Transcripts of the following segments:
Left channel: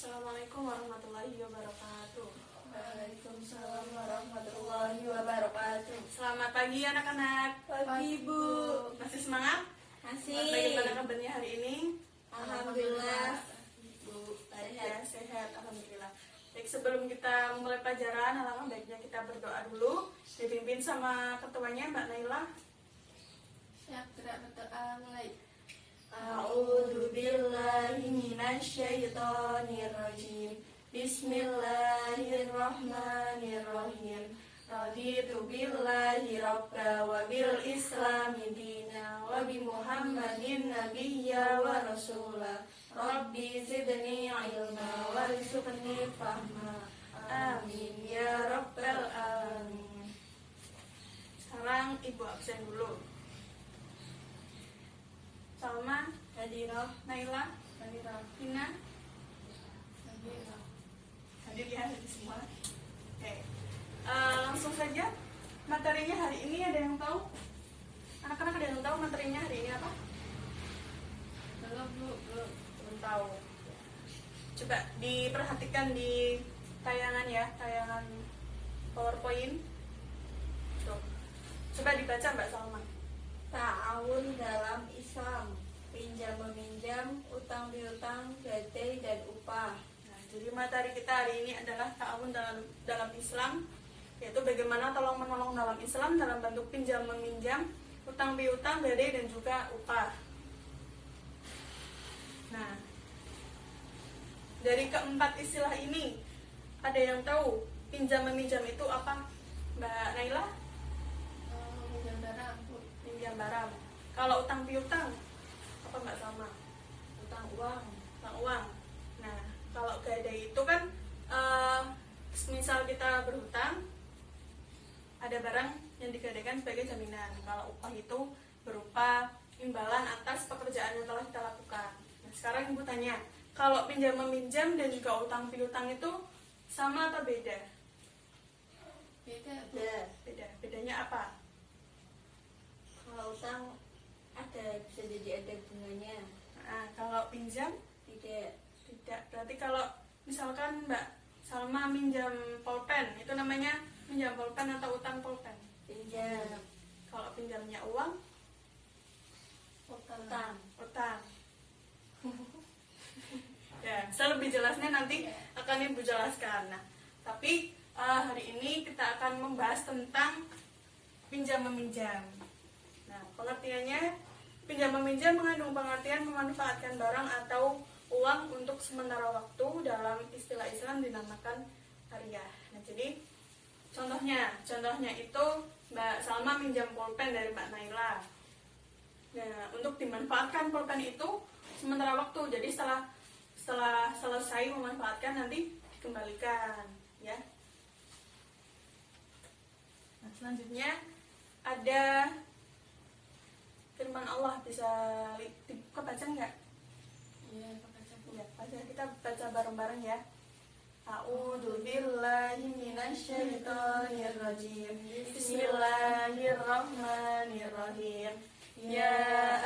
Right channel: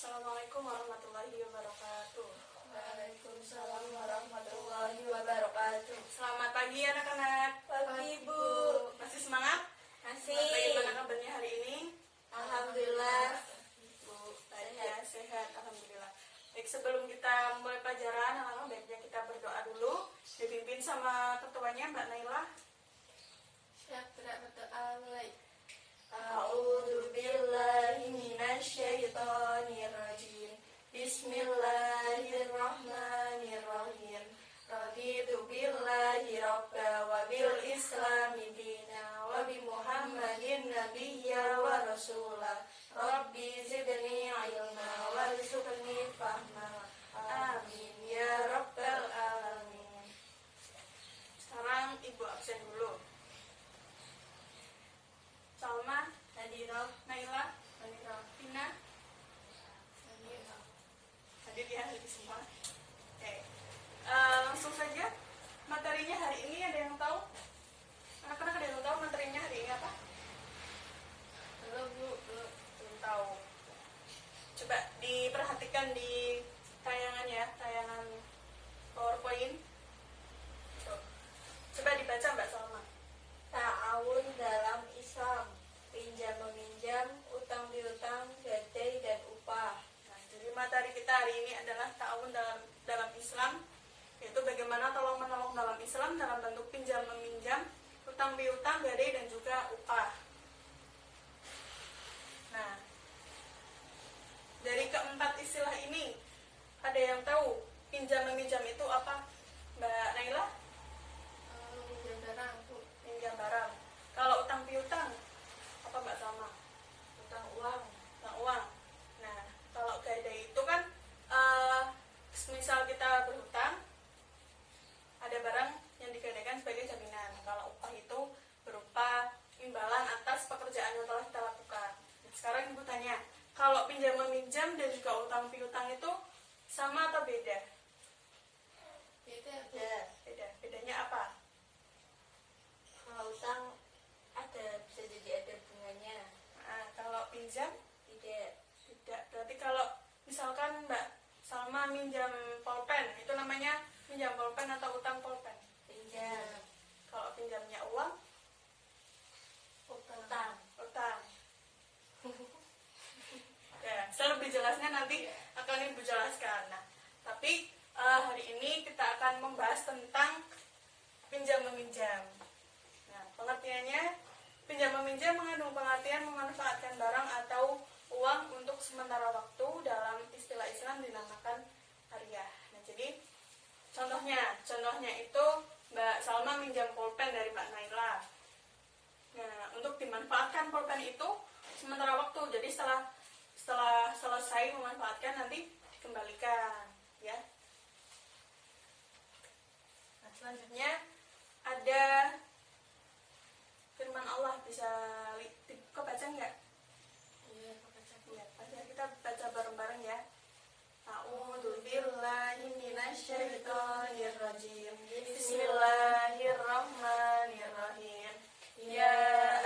Assalamualaikum warahmatullahi wabarakatuh. Waalaikumsalam warahmatullahi wabarakatuh. Selamat pagi anak-anak. Pagi Bu. Masih semangat? Masih. Bagaimana kabarnya hari ini? Alhamdulillah. Bu, sehat. Alhamdulillah. Baik, sebelum kita memulai pelajaran, alangkah baiknya kita berdoa dulu. Dipimpin sama ketuanya Mbak Naila. Siap gerak berdoa mulai. A'udzu billahi minasyaitonir rajim. Bismillahirrahmanirrahim. Raditu billahi rabba wa bil islami dina wa bi Muhammadin nabiyya wa rasula. Rabbi zidni ilma warzuqni fahma. Amin ya rabbal alamin. Sekarang Ibu absen dulu. Salma, Hadirah. Naila, Hadirah. Tina, Hadirah. hadir ya hadir semua. Oke, langsung saja materinya hari ini ada yang tahu? Anak-anak ada yang tahu materinya hari ini apa? Belum tahu. Coba diperhatikan di tayangan ya, tayangan PowerPoint. Tuh. Coba dibaca Mbak Salma. Ta'awun dalam Islam, pinjam meminjam, utang piutang, gadai dan upah. Nah, jadi materi kita hari ini adalah ta'awun dalam Islam, yaitu bagaimana tolong menolong dalam Islam dalam bentuk pinjam meminjam, utang piutang, gadai dan juga upah. Nah, dari keempat istilah ini ada yang tahu pinjam meminjam itu apa, Mbak Naila? Meminjam barang, Bu. Pinjam barang. Kalau utang piutang apa Mbak Salma? Utang uang. Utang uang. Nah, kalau gadai itu kan misal kita berhutang, ada barang yang digadaikan sebagai jaminan. Kalau upah itu berupa imbalan atas pekerjaan yang telah kita lakukan. Nah, sekarang Ibu tanya, kalau pinjam meminjam dan juga utang piutang itu sama atau beda? Beda. Beda. Bedanya apa? Kalau utang bisa jadi ada bunganya. Nah, kalau pinjam Tidak. tidak. Berarti kalau misalkan Mbak Salma minjam pulpen, itu namanya minjam pulpen atau utang pulpen? Pinjam. Kalau pinjamnya uang, Utang. utang. Ya, lebih jelasnya nanti akan Ibu jelaskan. Nah, tapi hari ini kita akan membahas tentang pinjam meminjam. Nah, pengertiannya pinjam meminjam mengandung pengertian memanfaatkan barang atau uang untuk sementara waktu, dalam istilah Islam dinamakan hariah. Nah, jadi contohnya itu Mbak Salma minjam pulpen dari Mbak Naila. Nah, untuk dimanfaatkan pulpen itu sementara waktu. Jadi setelah selesai memanfaatkan nanti dikembalikan, ya. Nah, selanjutnya ada firman Allah, bisa kebaca nggak? Iya, Ya, kita baca bareng-bareng ya. A'udzu billahi minasyaitonir rajim. Bismillahirrahmanirrahim. Ya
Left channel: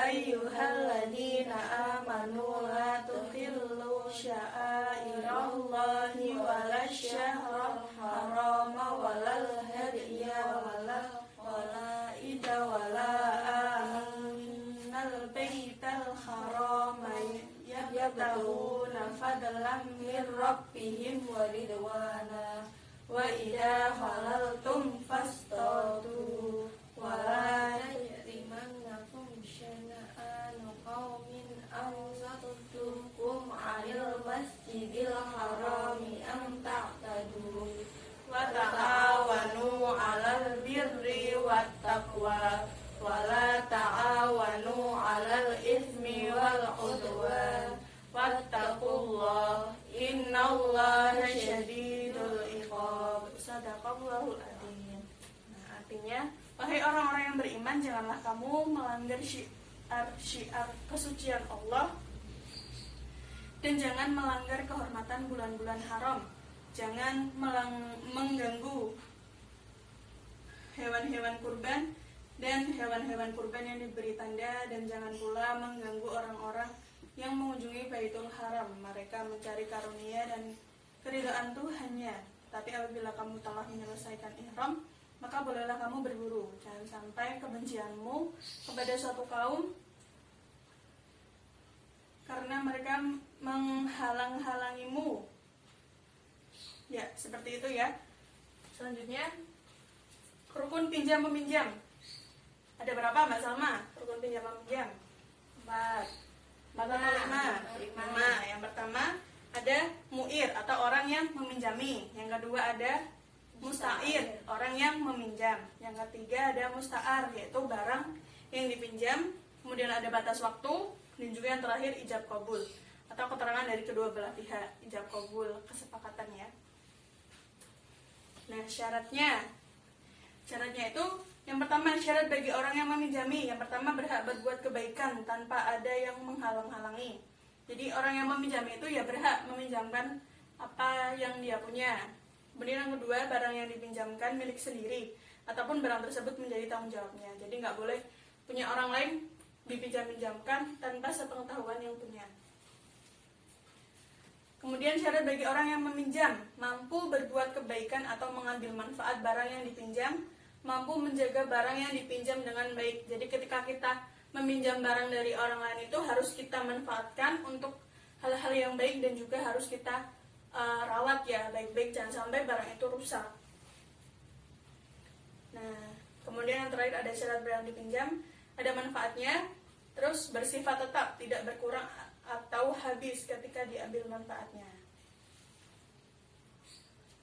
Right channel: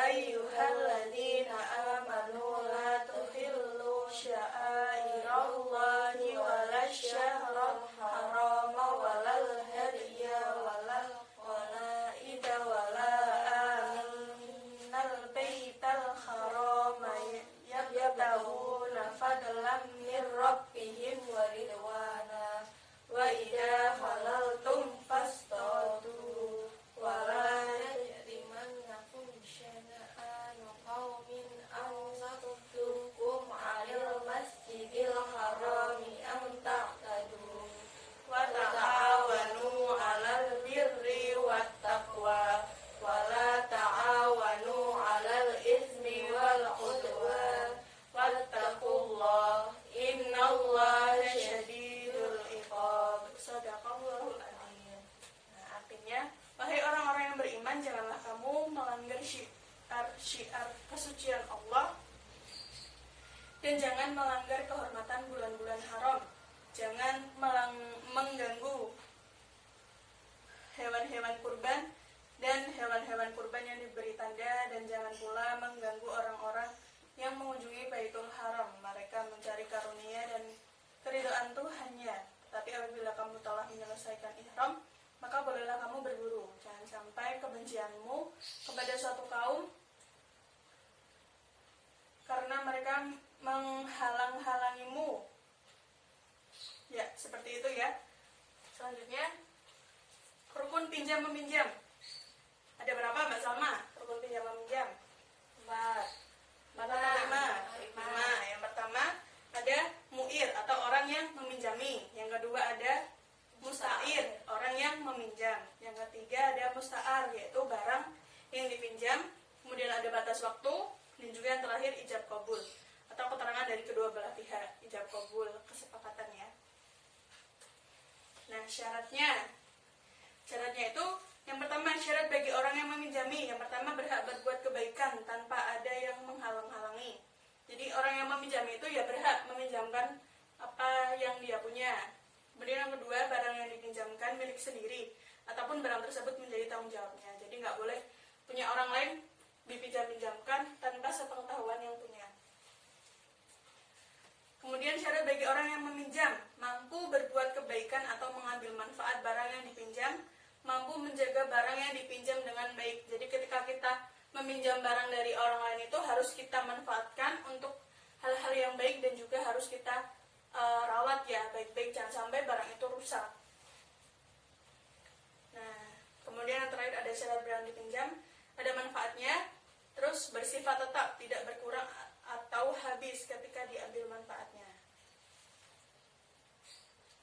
ayyuhalladzina amanu la tuhillu sya'airallahi wala syahral harama walal hadiya walal qalaida wala aminal baital harama yabtaguna fadlan min rabbihim wa ridwana wa idza halaltum fastadu wa la yajrimannakum syana'anu qaumin an satuddukum 'anil masjidil harami an ta'tadu wa ta'awanu 'alal birri wat taqwa wa la ta'awanu 'alal itsmi wal 'udwan wattaqullah innallaha syadidul iqab. Shadaqallahul adzim. Nah, artinya, wahai orang-orang yang beriman, janganlah kamu melanggar syiar kesucian Allah dan jangan melanggar kehormatan bulan-bulan haram. Jangan mengganggu hewan-hewan kurban dan hewan-hewan kurban yang diberi tanda, dan jangan pula mengganggu orang-orang yang mengunjungi Baitul Haram. Mereka mencari karunia dan keridhaan Tuhannya. Tapi apabila kamu telah menyelesaikan ihram, maka bolehlah kamu berburu. Jangan sampai kebencianmu kepada suatu kaum karena mereka menghalang-halangimu. Ya, seperti itu ya. Selanjutnya, rukun pinjam meminjam. Ada berapa Mbak Salma? Rukun pinjam meminjam? 4. 4 atau 5? 5. Yang pertama ada mu'ir atau orang yang meminjami. Yang kedua ada musta'ir, orang yang meminjam. Yang ketiga ada musta'ar, yaitu barang yang dipinjam. Kemudian ada batas waktu. Dan juga yang terakhir ijab qabul, atau keterangan dari kedua belah pihak. Ijab qabul, kesepakatan ya. Nah, syaratnya itu yang pertama, syarat bagi orang yang meminjami. Yang pertama, berhak berbuat kebaikan tanpa ada yang menghalang-halangi. Jadi orang yang meminjami itu ya berhak meminjamkan apa yang dia punya. Kemudian yang kedua, barang yang dipinjamkan milik sendiri, ataupun barang tersebut menjadi tanggung jawabnya. Jadi nggak boleh punya orang lain dipinjam-pinjamkan tanpa sepengetahuan yang punya. Kemudian syarat bagi orang yang meminjam, mampu berbuat kebaikan atau mengambil manfaat barang yang dipinjam, mampu menjaga barang yang dipinjam dengan baik. Jadi ketika kita meminjam barang dari orang lain itu harus kita manfaatkan untuk hal-hal yang baik dan juga harus kita rawat ya baik-baik, jangan sampai barang itu rusak. Nah, kemudian yang terakhir ada syarat barang dipinjam, ada manfaatnya, terus bersifat tetap, tidak berkurang atau habis ketika diambil manfaatnya.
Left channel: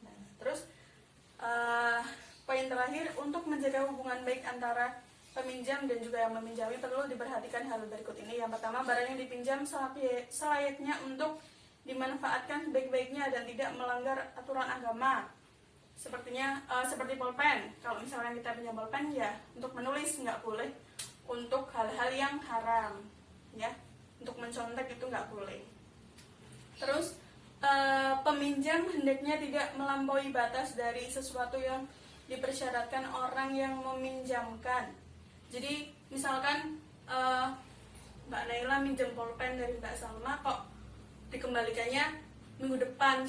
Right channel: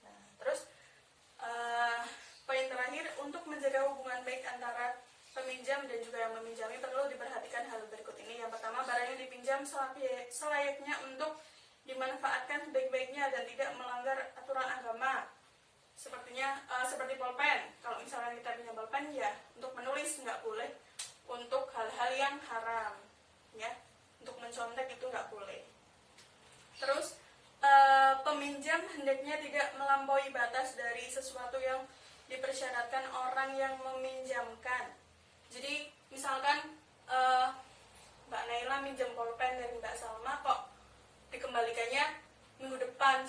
Nah, terus poin terakhir, untuk menjaga hubungan baik antara peminjam dan juga yang meminjami perlu diperhatikan hal berikut ini. Yang pertama, barang yang dipinjam selayaknya untuk dimanfaatkan sebaik-baiknya dan tidak melanggar aturan agama. Seperti pulpen. Kalau misalnya kita pinjam pulpen ya untuk menulis, nggak boleh untuk hal-hal yang haram, ya. Untuk mencontek itu nggak boleh. Terus peminjam hendaknya tidak melampaui batas dari sesuatu yang dipersyaratkan orang yang meminjamkan. Jadi misalkan Mbak Naila minjem pulpen dari Mbak Salma, kok dikembalikannya minggu depan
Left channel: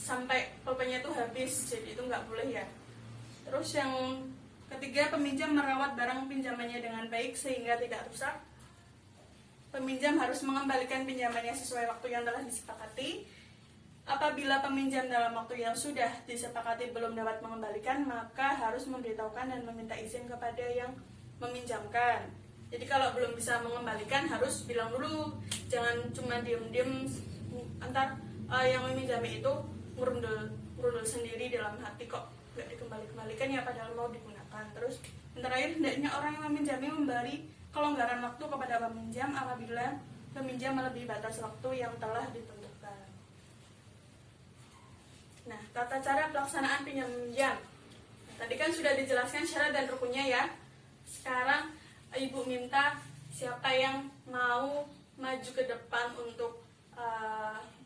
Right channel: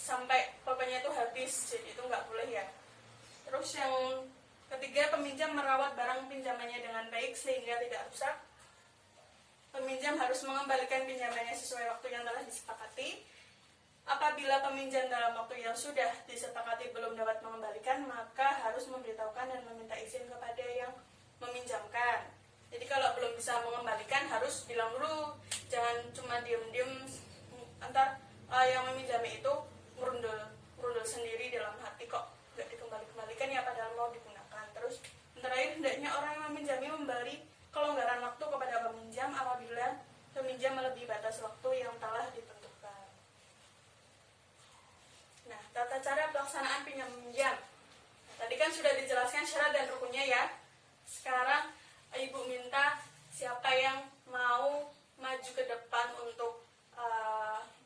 sampai pulpennya itu habis, jadi itu nggak boleh ya. Terus yang ketiga, peminjam merawat barang pinjamannya dengan baik sehingga tidak rusak. Peminjam harus mengembalikan pinjamannya sesuai waktu yang telah disepakati. Apabila peminjam dalam waktu yang sudah disepakati belum dapat mengembalikan, maka harus memberitahukan dan meminta izin kepada yang meminjamkan. Jadi kalau belum bisa mengembalikan harus bilang dulu, jangan cuma diem-diem antar yang meminjami itu ngurundul sendiri dalam hati, kok nggak dikembalikan ya padahal mau digunakan. Terus yang terakhir, hendaknya orang yang meminjami memberi kelonggaran waktu kepada peminjam apabila peminjam melebihi batas waktu yang telah ditentukan. Nah, tata cara pelaksanaan pinjam meminjam. Tadi kan sudah dijelaskan syarat dan rukunnya ya. Sekarang Ibu minta siapa yang mau maju ke depan untuk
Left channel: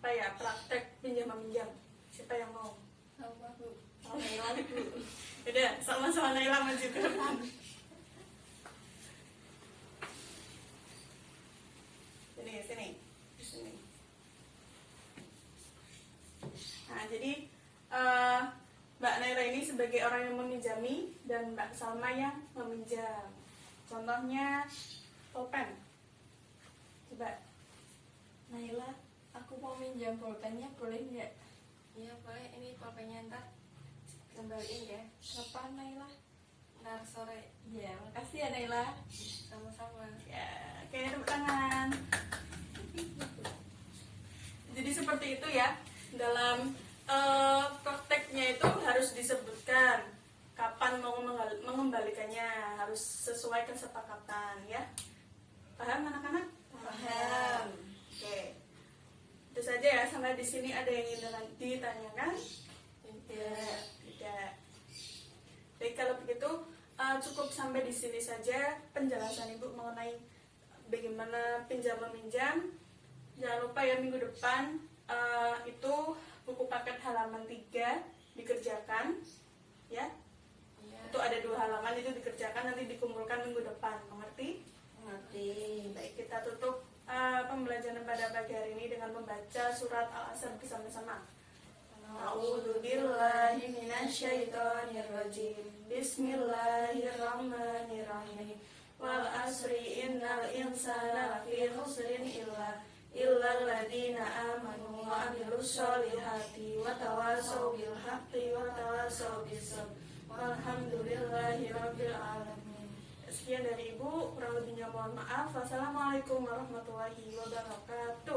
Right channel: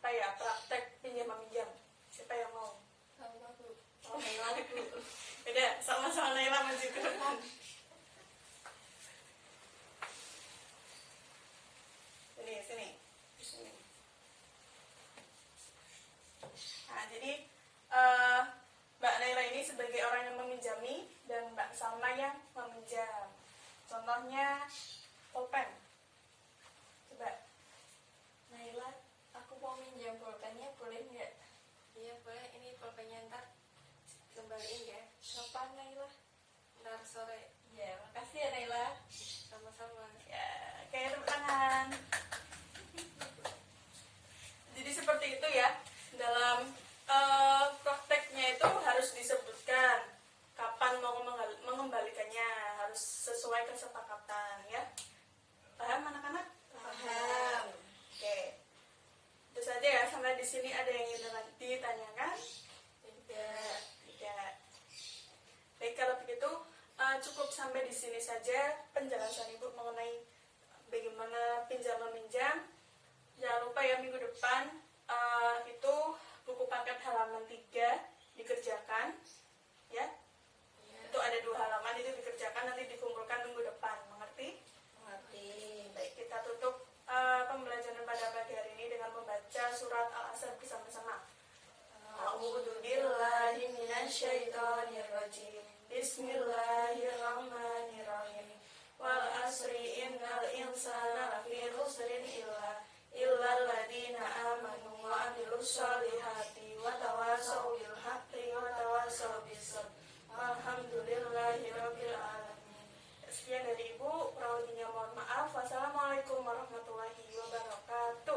praktek pinjam meminjam. Siapa yang mau? Sama Bu. Naila Bu. Udah, sama-sama Naila maju ke depan. Sini. Nah, jadi Mbak Naila ini sebagai orang yang meminjami dan Mbak Salma yang meminjam. Contohnya pulpen. Coba. Naila, aku mau minjam pulpennya, boleh nggak? Iya boleh, ini pulpennya ntar kembaliin ya. Kapan Naila? Ntar sore. Ya, makasih ya Naila. Sama-sama. Ya, kayak tepuk tangan. Jadi seperti itu ya. Dalam prakteknya itu harus disebutkan kapan mau mengembalikannya, harus sesuai kesepakatan ya. Paham anak-anak? Paham. Oke. Itu saja ya, sampai di sini ada yang ingin ditanyakan? Tidak. Baik, kalau begitu cukup sampai di sini saja penjelasan Ibu mengenai bagaimana pinjam meminjam. Jangan lupa ya, minggu depan itu buku paket halaman 3 dikerjakan ya. Itu ada 2 halaman, itu dikerjakan, nanti dikumpulkan minggu depan. Mengerti? Mengerti. Baik, kita tutup pembelajaran pada pagi hari ini dengan membaca surat Al-Asr bersama-sama. A'udzu billahi minasyaitonir rajim. Bismillahirrahmanirrahim. Wal asri innal insana lafi khusrin illal ladzina amanu wa amilus solihati wa tawasaw bil haqqi wa tawasaw bis sabr. Walhamdulillahi rabbil alamin. Sekian dari Ibu, kurang lebihnya mohon maaf. Wassalamualaikum warahmatullahi wabarakatuh.